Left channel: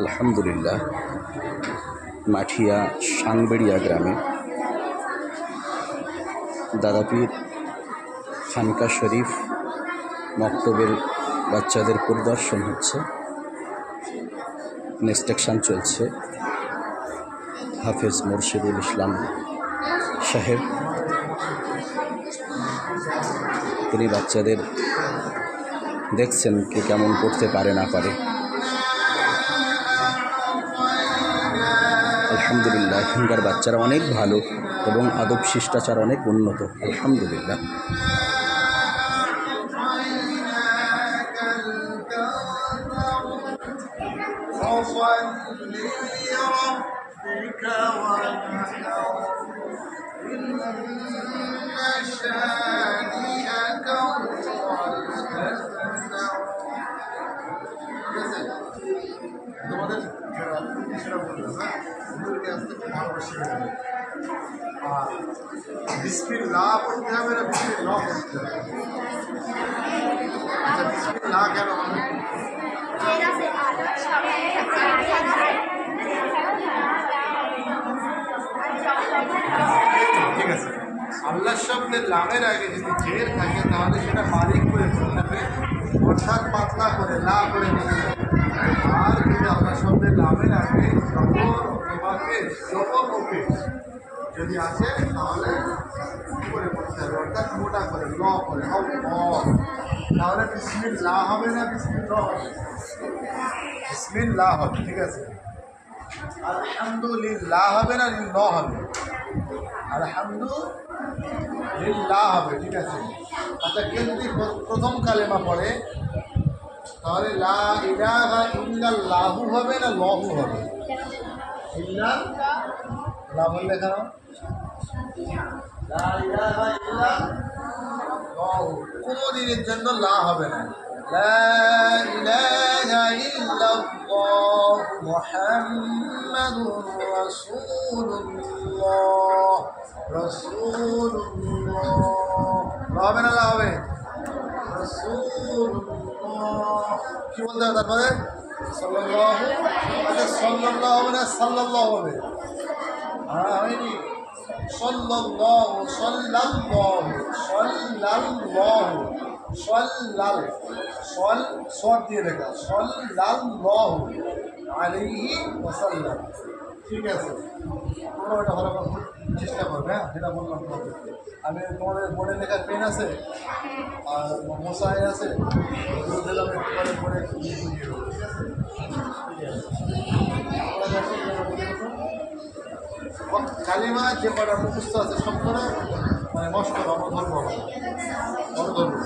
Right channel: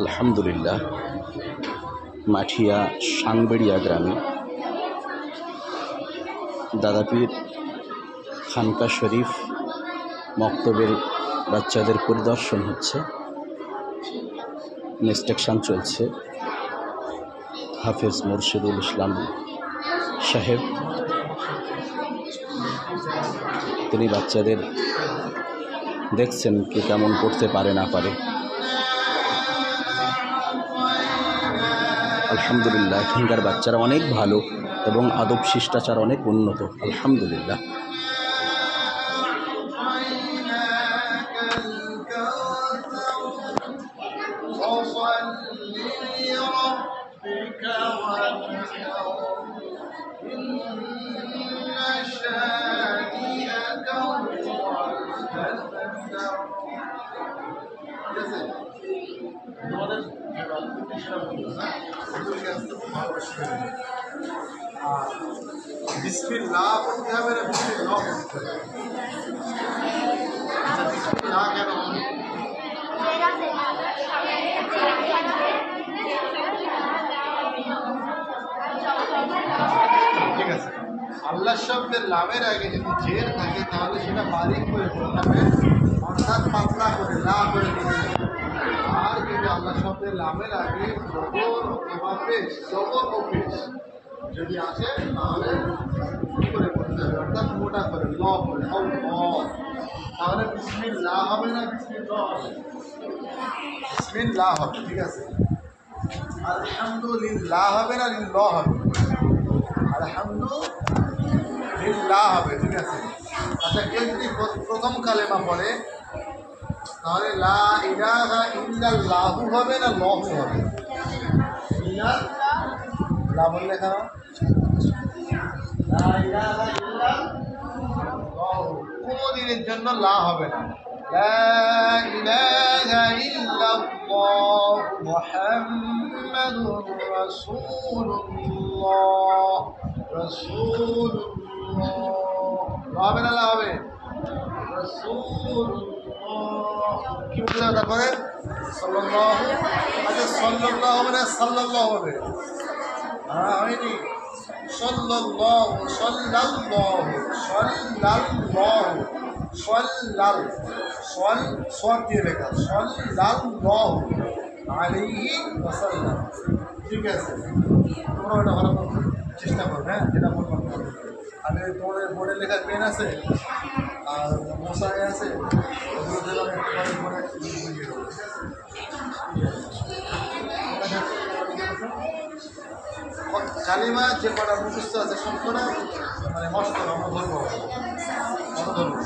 আলহামদুলিল্লাহ, মাঠিয়া সাংবেড়িয়া গ্রামে দাদাপীর খানকা শরীফ মক্তবের বাচ্চাদের পরিদর্শন হচ্ছে, ইনস্ট্রাকশন চলছে। হাফেজ মুর্শিদুল ইসলাম সাহেব তিনি বাচ্চাদের দেখছেন কে কেমন পড়তে পারে না পারে। আলহামদুলিল্লাহ, এখানকার বাচ্চারা অনেক ভালো এবং আদব শিষ্টাচার অনেক উন্নত। আলহামদুলিল্লাহ। তোমাদের আর বিসমিল্লাহ পড়তে হবে না বিসমিল্লাহ পড়তে হবে? আচ্ছা, বিসমিল্লাহ কেন হবে? ঠিক আছে, আল্লাহ শব্দের লামের আগে যদি জের থাকে তাহলে সেটা বারিক করে পড়তে হবে, অর্থাৎ পাতলা করে লা করে নিতে হবে। আর যদি আল্লাহ শব্দের লামের আগে জবর অথবা পেশ, জবর ও পেশ যদি আসে তাহলে করে পড়তে হবে, অর্থাৎ মোটা করে ল করে তাহলে বিসমিল্লাহ হবে না বিসমিল্লাহ হবে? বিসমিল্লাহ হবে। ঠিক আছে, আলহামদুলিল্লাহ হবে না লিল্লাহ হবে? আলহামদুলিল্লাহ হবে। ঠিক আছে, আচ্ছা, কেউ যদি প্রথম কালেমা পড়ে তাহলে লা ইলাহা ইল্লাল্লাহু হবে না লাহু হবে? লা বললে কেন? লা ইলাহা ইল্লাল্লাহু কোনো দিনের জন্য লা হবে না। লা ইলাহা ইল্লাল্লাহু মুহাম্মাদুর রাসূলুল্লাহ লা হবে না? লা হবে রাসূলুল্লাহ। কি বলতে হবে তারপরে? সাল্লাল্লাহু। আচ্ছা, সাল্লাল্লাহু হবে না সাল্লাল্লাহু হবে? হ্যাঁ, হয়নি। সাল্লাল্লাহু সাল্লাল্লাহু সাল্লাল্লাহু সাল্লাল সল সর দিয়ে লেখা সাল্লাল্লাহু আলাইহি ওয়াসাল্লাম। ঠিক আছে, তোমরা ওটা ভালো চেষ্টা করবে। হ্যাঁ, যেটা বললাম তোমাদের, আমি তোমাদের বোর্ডে লেখা পেন আছে আর মশাই আছে, বুঝিয়ে দেবো। ঠিক আছে, কালিমা যে কটা মুখস্থ আছে সব করে মানে মস্ত আমরা ধরবো, ধরবো।